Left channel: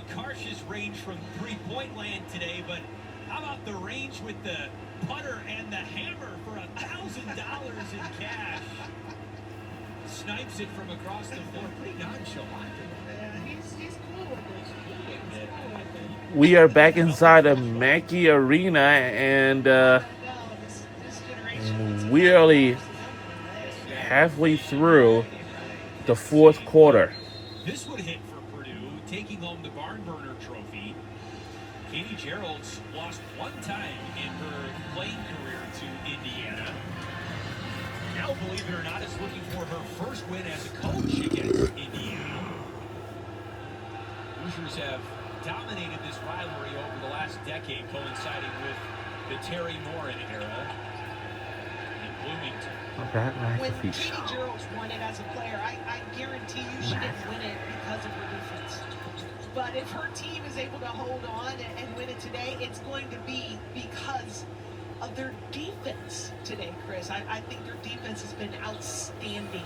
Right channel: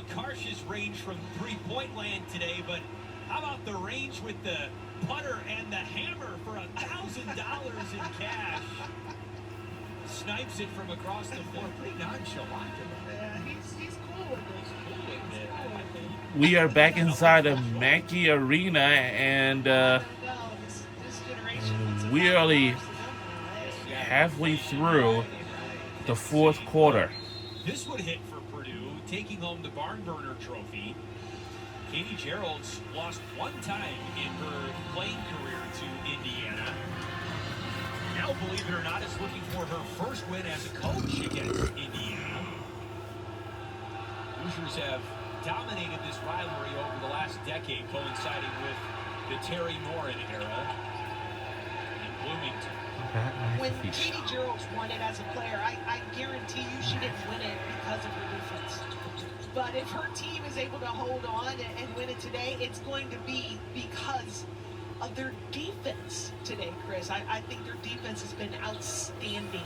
look, Karsh's range from three-point land today, but how about the range with the putter and the hammer for $1,000 in cash? Snipes it from across the floor. Pretty nonchalant. Yeah, he's cool with it. We are back inside of Mackey Arena, and we're only halfway through the fourth quarter. This would hit for Purdue, taking home the barn burner trophy. Katie Gerald's lost one time in her playing career to Indiana. Now, believe it or not, is looking for her first win as a coach against Indiana. Hoosiers have dominated this rivalry over the last decade, coinciding with the Terry Morin era in Bloomington. When Katie Gerald's won it as a player, I guarantee you she didn't win it because of her defense. But if her team is able to hold on and win it today, it's going to be because of their defense today, Chris. I think their defense has been outstanding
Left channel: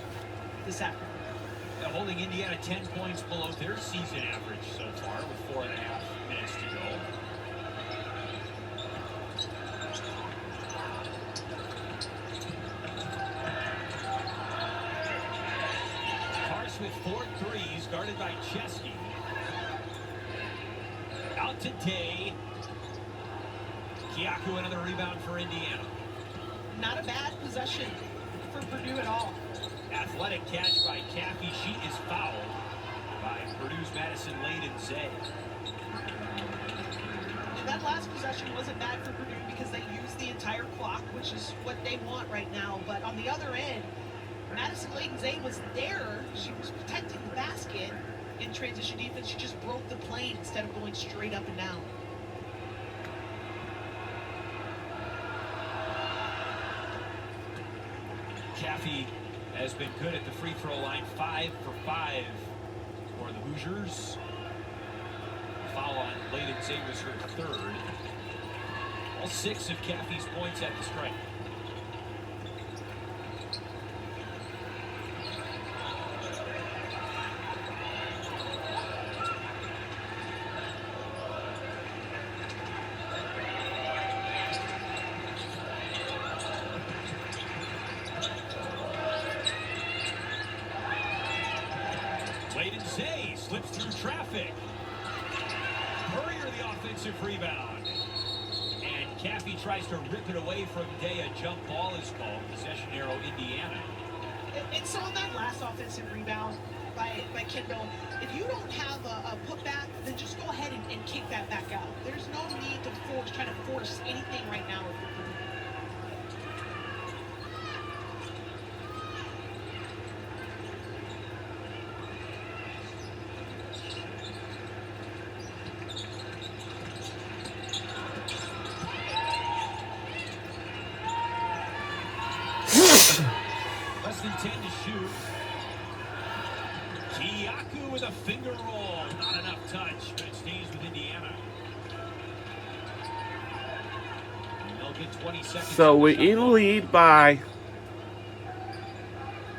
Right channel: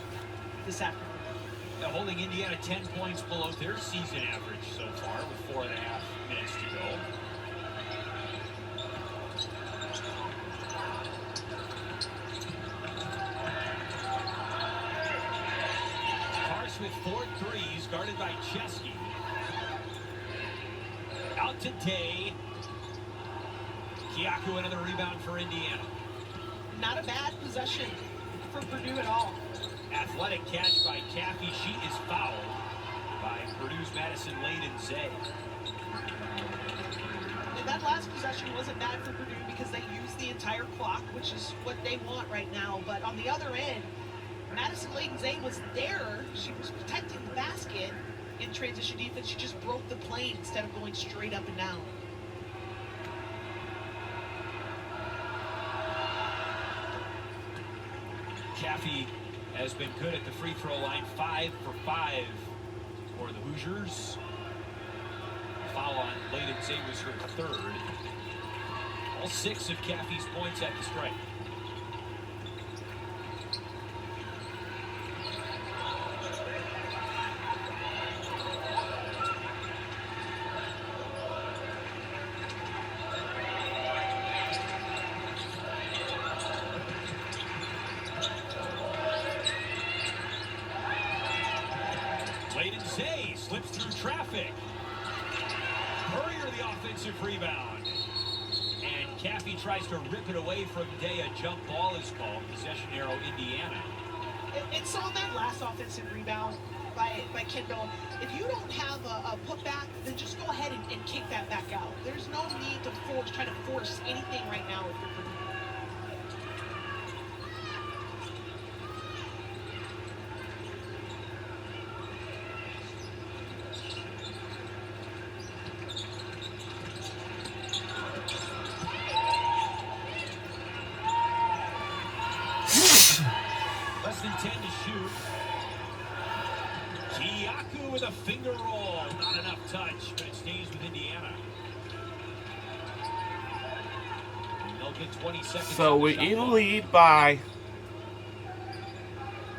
this afternoon. Holding Indiana 10 points below their season average so far with 4.5 minutes to go. Karsh with 4 threes, guarded by Chesky. Out to Day. Kiaku, another rebound for Indiana. Not a bad possession for Purdue at all. Athletic catch by Caffey. She is fouled by Purdue's Madison Layden-Zay. And that last possession wasn't bad for Purdue because they used the entire clock, which is what they want right now. But on the other end, Madison Layden-Zay was there. She was protecting the basket in transition defense. She just broke the plane instead of going straight up and down. Caffey has been good at the free throw line, 5 for 5 for the Hoosiers. Foul on Layden-Zay was her third. All 6 of Caffey's points at the strike. Layden-Zay slips through traffic. Courier the offensive rebound. And Caffey tries to rip it away from Day. A jump ball is called. Possession arrow, Indiana. And so on that last offensive rebound by Kendall, if you don't have a putback, then just go ahead and kick that back out. There's no need to try to force anything right now if you're Purdue. Less than 10 to shoot. Kiaku with a finger roll. Not enough touch, but it stays with Indiana. They'll get 20 seconds. So we're in the lead by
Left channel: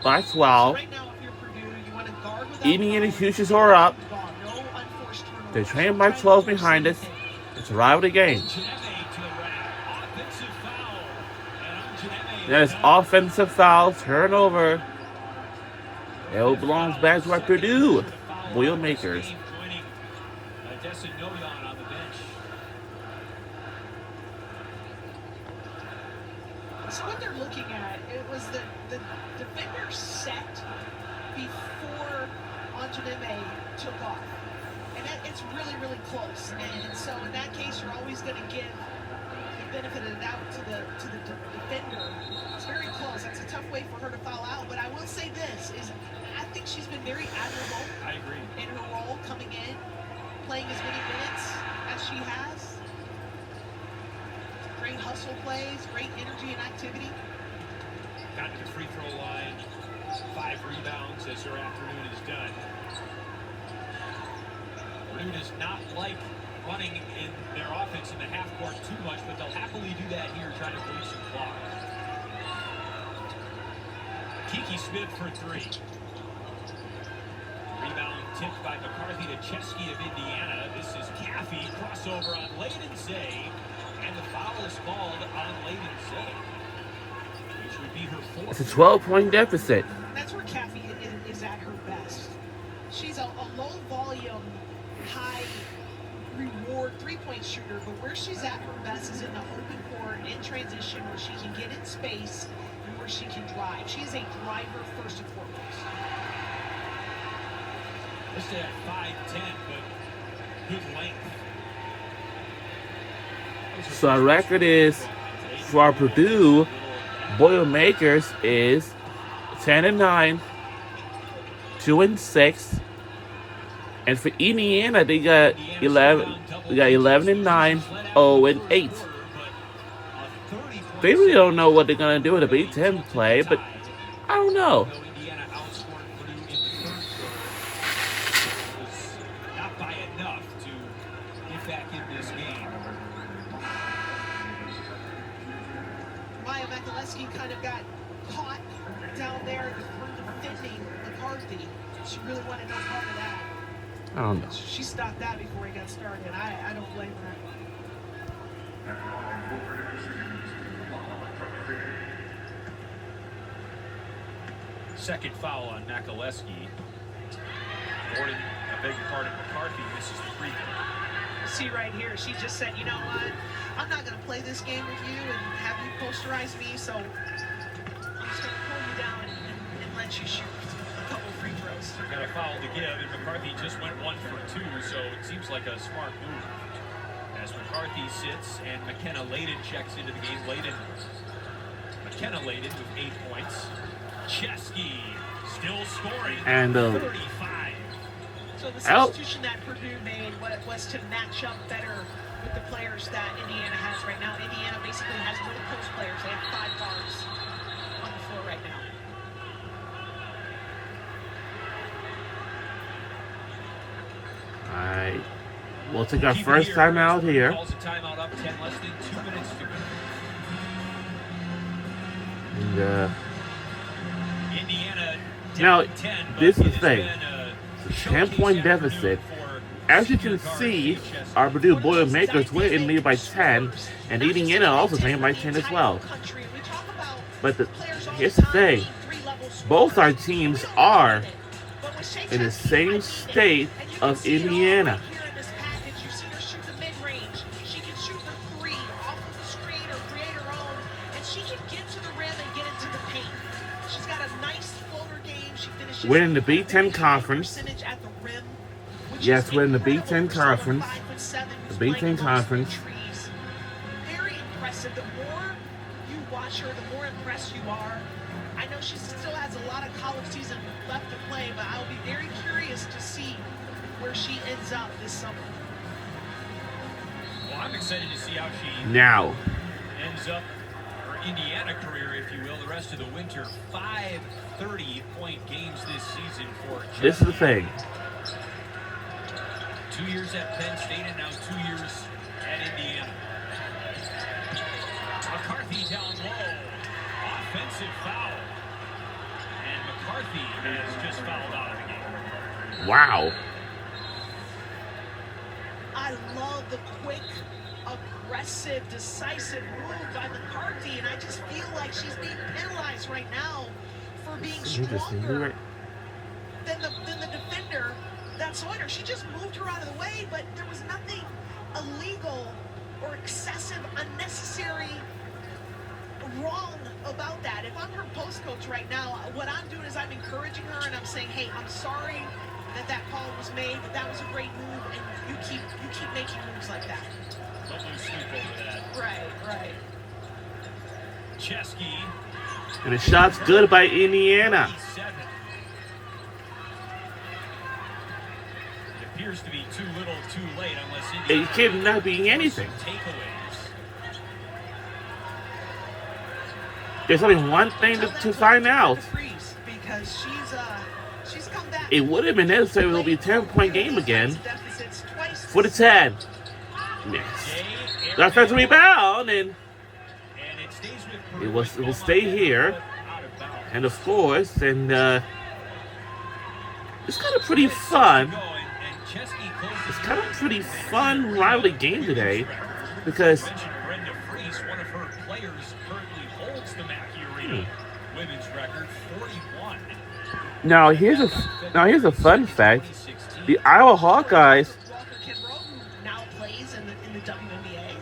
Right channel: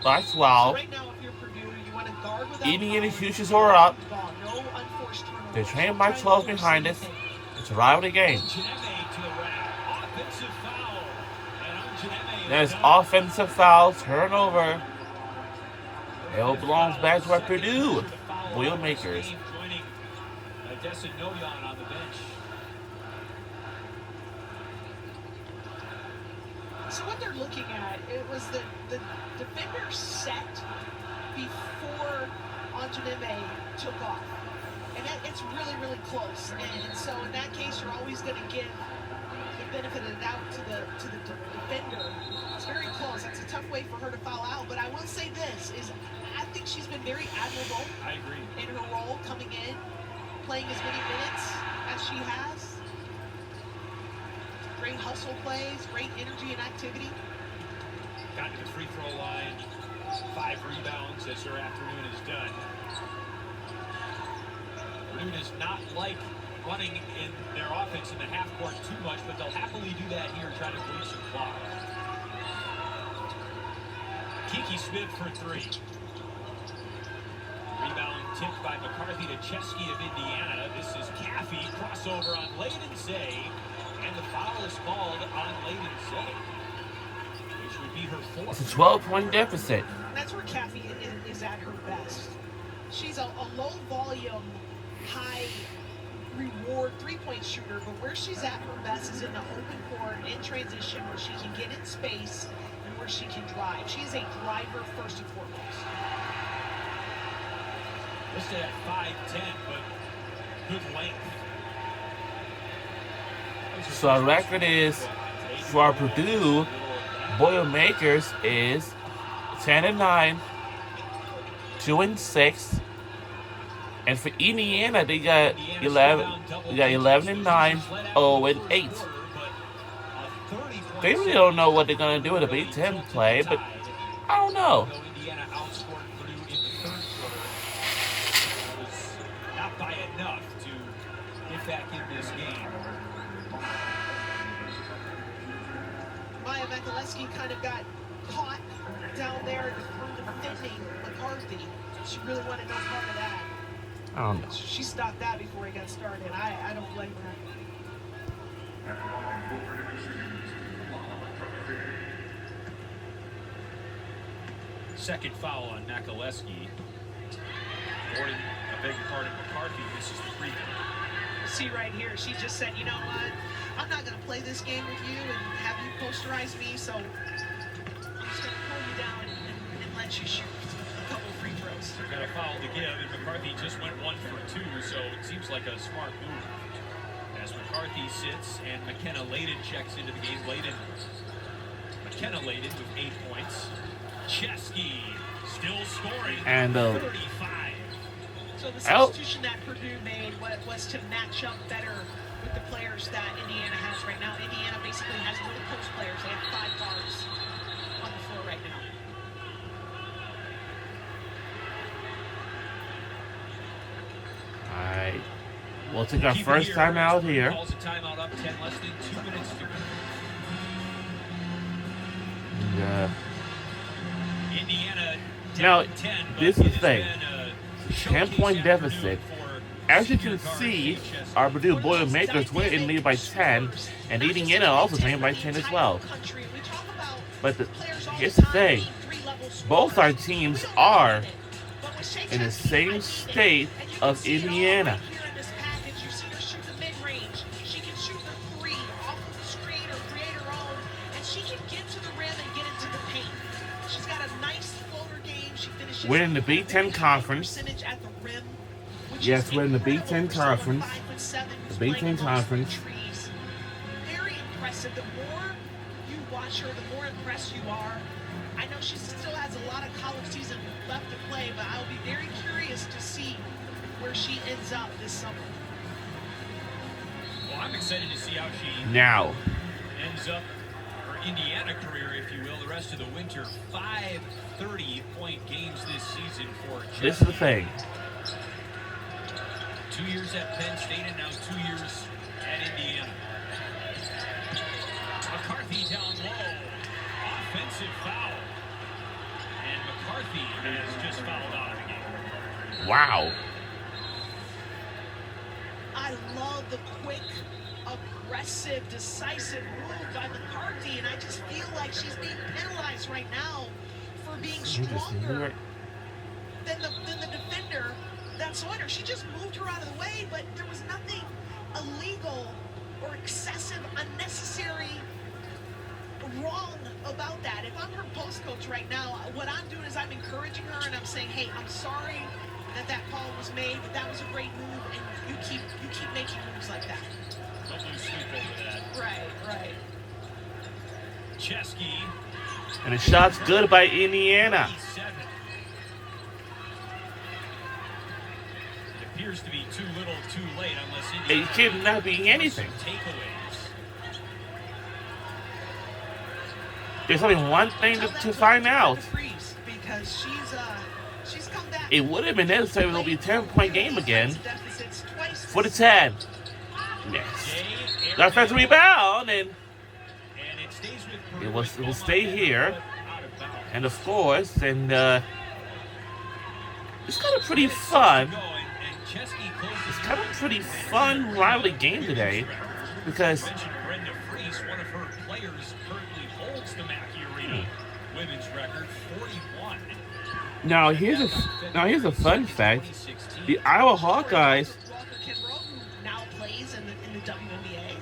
12. So right now, if you're Purdue, you want to guard without Indiana Hoosiers are up. No unforced turnovers. They're trailing by 12 behind us. It's a rivalry game. There's offensive foul, turnover. It belongs back to our Purdue boilmakers. On the bench. So what they're looking at, it was the defender set before Anjaneme took off. And it's really, really close. And so in that case, you're always going to give the benefit of the doubt to the defender. It's very close. That's a tough way for her to foul out. But I will say this, is I think she's been very admirable. I agree. In her role, coming in, playing as many minutes as she has. Great hustle plays, great energy and activity. Got to the free throw line, 5 rebounds as her afternoon is done. Purdue does not like running in their offense in the half court too much, but they'll happily do that here, trying to bleed some clock. Kiki Smith for 3. Rebound tipped by McCarthy to Chesky of Indiana. crossover on Layden Zay, and the foul is called on Layden Zay, which would be her fourth. It's a 12-point deficit. And that's where Kathy is at her best. She's a low-volume, high-reward three-point shooter, but where she's at her best is in the open court, in transition, where she can get in space and where she can drive. She's a driver first and foremost. Listed at 5'10", but good length. So our record is, for Purdue, Boilmakers is 10-9, 2-6, and for Indiana they got 11. We got 11-9, 0-8. They really don't know what they're gonna do in the Big Ten play, but I don't know. Indiana outscored Purdue in the third quarter. It was not by enough to get back in this game. Maya Mikuleski kind of got caught down there defending McCarthy. She really wanted no part of that. She stopped that before he got started. I don't blame her. Second foul on Mikuleski. Gordon, a big part of McCarthy, misses the free throw. See right here, she just said, you know what? I'm not going to play this game with you and have you posterize me, so I'm just going to pull you down and let you shoot a couple free throws. They've got a foul to give, and McCarthy just went 1 for 2, so it seems like a smart move. As McCarthy sits and McKenna Layden checks into the game. McKenna Layden with 8 points. Chesky still scoring. And 35. So the substitution that Purdue made was to match up better with the players that Indiana has right now. Indiana basically has no post players. They have 5 guards on the floor right now. Alright. We'll take our first timeout here. Calls a timeout up 10, less than 2 minutes to go. And, Indiana now, down 10, this but is the thing. it has been a 10-point showcase afternoon deficit. for As you can senior guard see, Chesky. our Purdue Boilmakers went in lead by 10, and Indiana also came by 10 as well. But here's the thing. Both our teams are in the same state of Indiana. We're in the Big Ten Conference. Yes, we're in the Big Ten Conference. The Big Ten Conference. Very impressive. The more you watch her, the more impressed you are. I know she still has a lot of college season left to play, but I'll be very curious to see where she ends up this summer. Well, I'm excited to see how she Now, ends up her Indiana career, if you will, the rest of the winter. 5 30-point games this season for Chesky. this is the thing. 2 years at Penn State and now 2 years at Indiana. McCarthy down low. Offensive foul. And McCarthy has just fouled out of the game. Wow. I love the quick, aggressive, decisive move by McCarthy, and I just feel like she's being penalized right now for being stronger than the defender that's on her. She just moved her out of the way, but there was nothing illegal or excessive, unnecessary, wrong about that. If I'm her post coach right now, what I'm doing is I'm encouraging her and I'm saying, hey, I'm sorry that call was made, but that was a great move, and you keep making moves like that. Don't lose sleep over that. Right. Chesky. And the shot's good by Indiana. 87. It appears to be too little, too late, unless Indiana It could not be anything. takeaways. There's only one thing to find out. Because she's come back. It would have been necessary. It'll be a 10-point game again. For the 10. Yes. Got first rebound, and it will stay here. And of course, and it's kind of pretty fun. it's kind of a pretty fun rivalry game today because Brenda Freese, one of her players, currently holds the Mackey Arena women's record, 41. now here's a fun fact: the Iowa Hawkeyes. Now plays in the WNBA.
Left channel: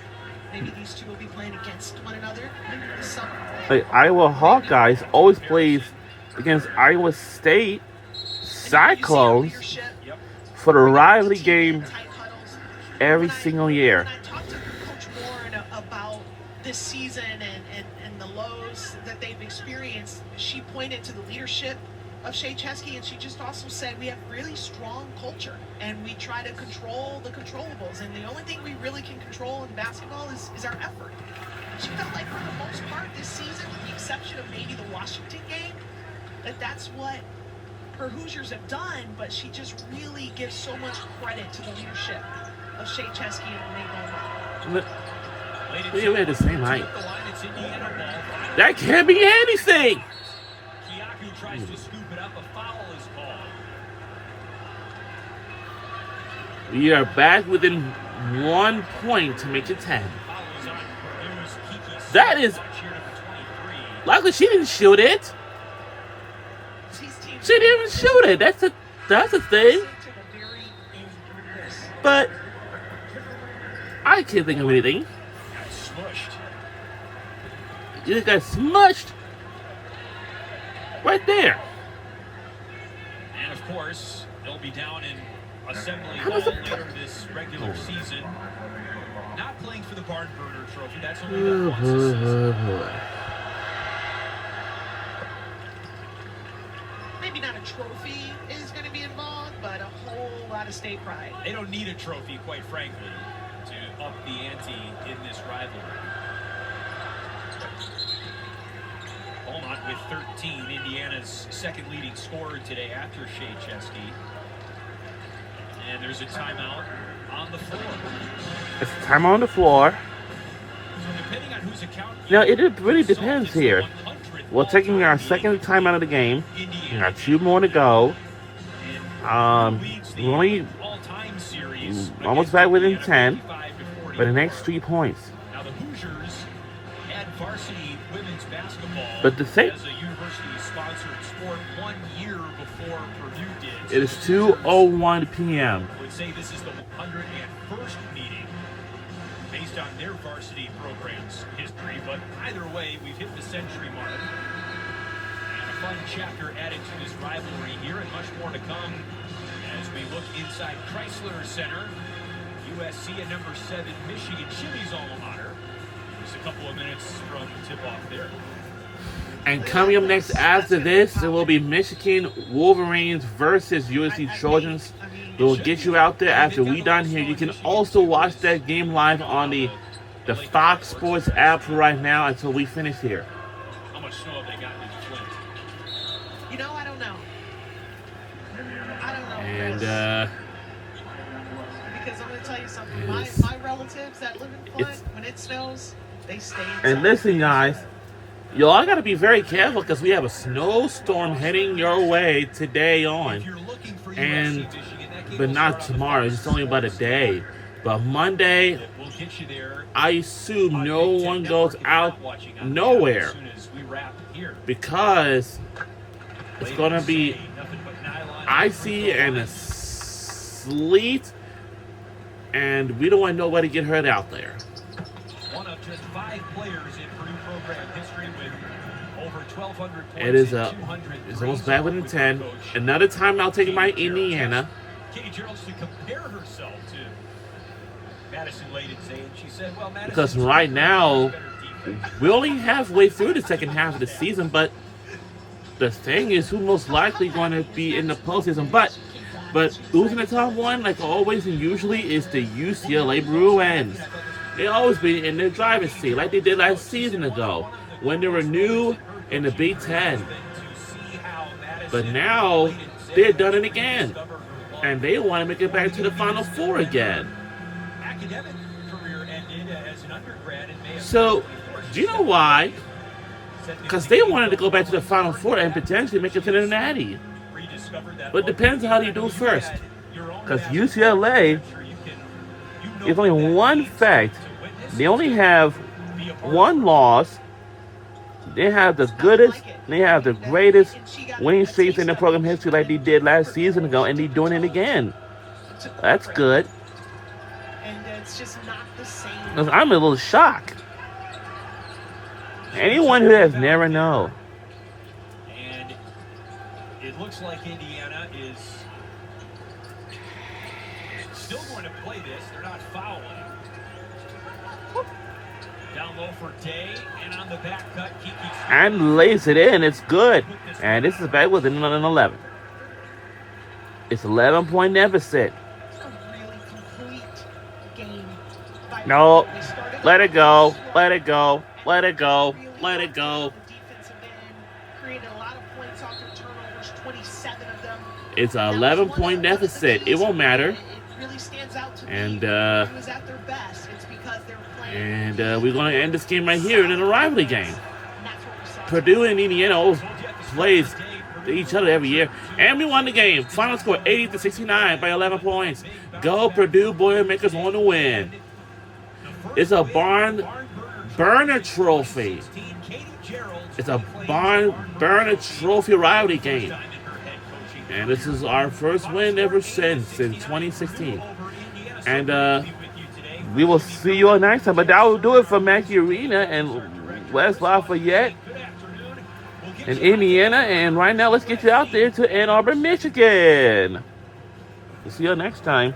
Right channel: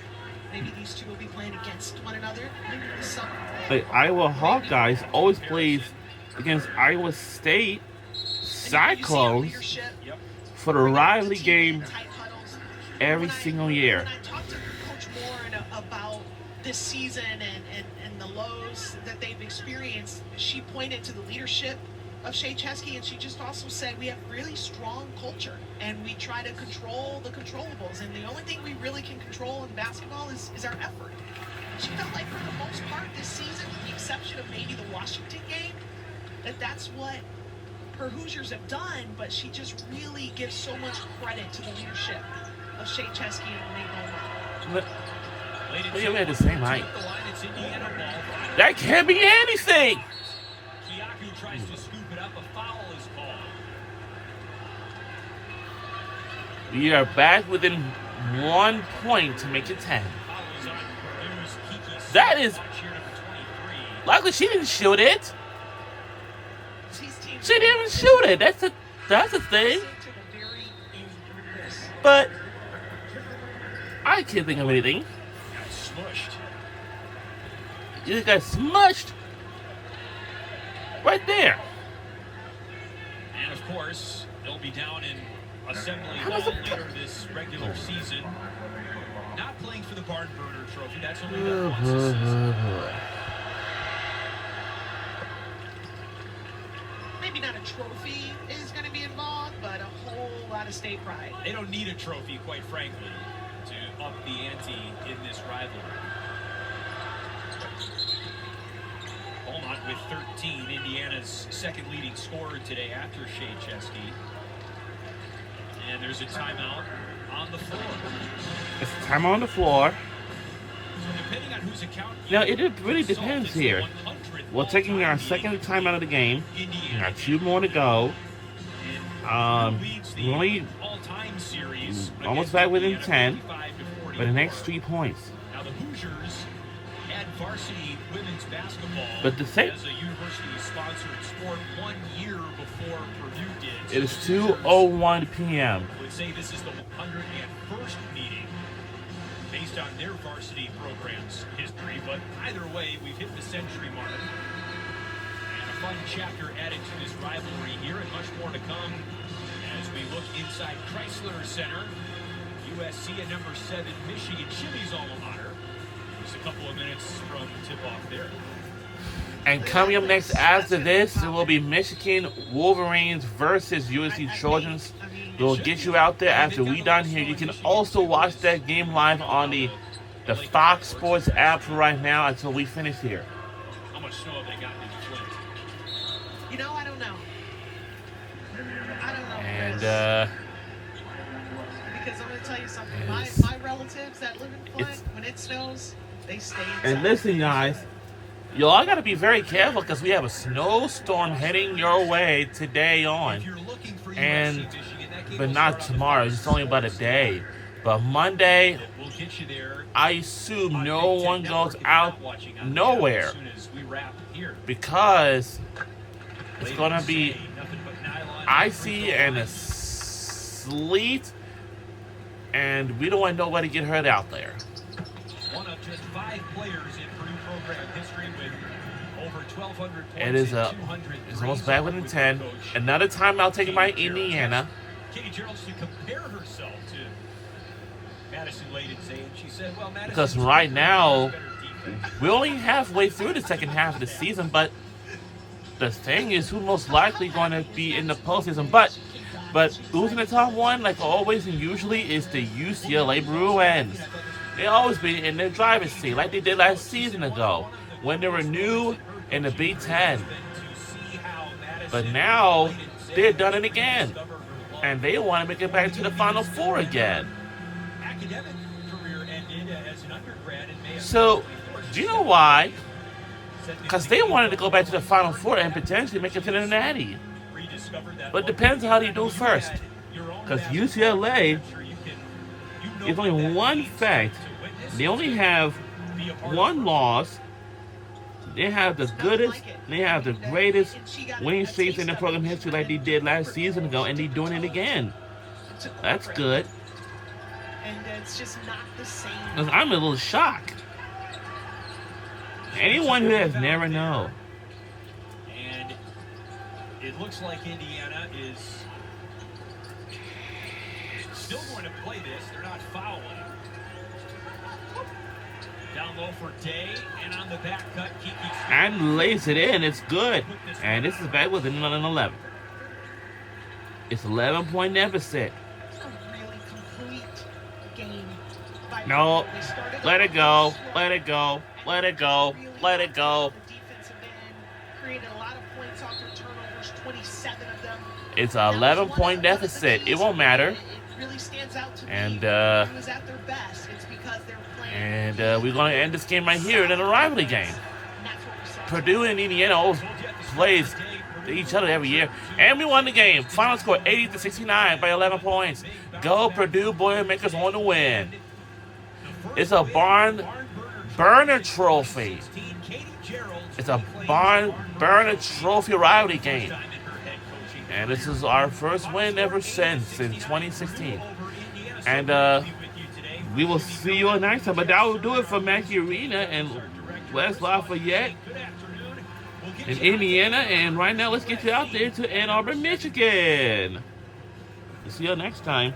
Maybe these two will be playing against one another this summer. The Iowa Hawkeyes always plays against Iowa State Cyclones for the rivalry game every single year. When I talked to Coach Warren about this season and the lows that they've experienced, she pointed to the leadership of Shea Chesky, and she just also said we have really strong culture and we try to control the controllables, and the only thing we really can control in basketball is our effort. She felt like for the most part this season, with the exception of maybe the Washington game, that's what her Hoosiers have done, but she just really gives so much credit to the leadership of Shea Chesky and Renee Bowman. They had the same height. That can't be anything. Kiaku tries to scoop it up. A foul is called. We are back within 1 point to make it 10. That is. Luckily, she didn't shoot it. She didn't even shoot it. That's a thing. But I can't think of anything. Got smushed. You got smushed right there. And of course, they'll be down in Assembly Hall later this regular season. Not playing for the Barn Burner Trophy. That's only done once a season. Maybe not a trophy is going to be involved, but a whole lot of state pride. They don't need a trophy, quite frankly, to up the ante in this rivalry. Beaumont with 13, Indiana's second leading scorer today after Shea Chesky. And there's a timeout on the floor. It's time on the floor. So depending on whose account Now, it really depends here. We're taking our second time out of the game. We got 2 more to go. We're only almost back within 10 for the next 3 points. Now the Hoosiers had varsity women's basketball But the same, as a university-sponsored sport 1 year before Purdue did. it is 2:01 p.m. I would say this is the 101st meeting based on their varsity program's history, but either way, we've hit the century mark. And a fun chapter added to this rivalry here, and much more to come as we look inside Chrysler Center. USC at number 7, Michigan, Jimmy's alma mater. Just a couple of minutes from tip-off there. And coming up next after this, it will be Michigan Wolverines versus USC Trojans. We'll get you out there after we done here. You can also watch that game live on the Fox Sports app right now until we finish here. How much snow have they gotten in Flint? You know, I don't know. I don't know. And because I'm going to tell you something. My relatives that live in Flint, when it snows, they stay inside. and listen, guys, y'all gotta be very careful because we have a snowstorm heading your way today on. If you're looking for And USC, Michigan, that game but will not start on tomorrow. It's only about a day. But Monday, We'll get you there. I assume on no Big Ten one Network goes if you're out not watching on nowhere as soon as we wrap here. because it's Later gonna be today, nothing but nylon icy and a sleet, and we don't want nobody to get hurt out there. One of just 5 players in Purdue program history with over 1,200 points. It is and 200 it's almost back within with 10. coach Another timeout taken by Katie Gerald. Indiana. Katie Gerald to compare herself to Madison Layden Zane. She said, well, Madison, Because right now, we're only halfway through the second half of the season, but the thing is who most likely going to be in the postseason. But losing the top one, like always and usually, is the UCLA Bruins. They always be in their driver's seat, like they did last season ago, when they were new in the Big Ten. But now, they've done it again. And they want to make it back to the Final Four again. academic career ended as an undergrad in May of So, 2024. do you know why? Because they wanted to go back to the Final Four and potentially make it to the Natty. Rediscovered that But it depends how you do you first. had your own Because UCLA is only one fact. They only have one loss. They have the goodest, they have the greatest winning streaks in the program history like they did last season ago, and they're doing it again. That's good. And it's just not the same. I'm a little shocked. Anyone who has never known. And it looks like Indiana is still going to play this. They're not fouling. Down low for Day, and on the back cut, Kiki. And lays it in. It's good. And this is back within an 11. It's 11-point deficit. It's a really complete game. No. Let it go. Let it go. Let it go. Let it go. The defensive end created a lot of points off their turnovers, 27 of them. It's an 11-point deficit. It won't matter. It really stands out to me. And who was at their best. It's because they're playing. And we're going to end this game right here in a rivalry game. Purdue and Indiana always plays each other every year. And we won the game. Final score 80-69 by 11 points. Go Purdue Boilmakers on the win. It's a barn burner trophy. It's a barn burner trophy rivalry game. And this is our first win ever since in 2016. And we will see you all next time. But that will do it for Mackey Arena and West Lafayette in Indiana. And right now, let's get you out there to Ann Arbor, Michigan. We'll see you all next time.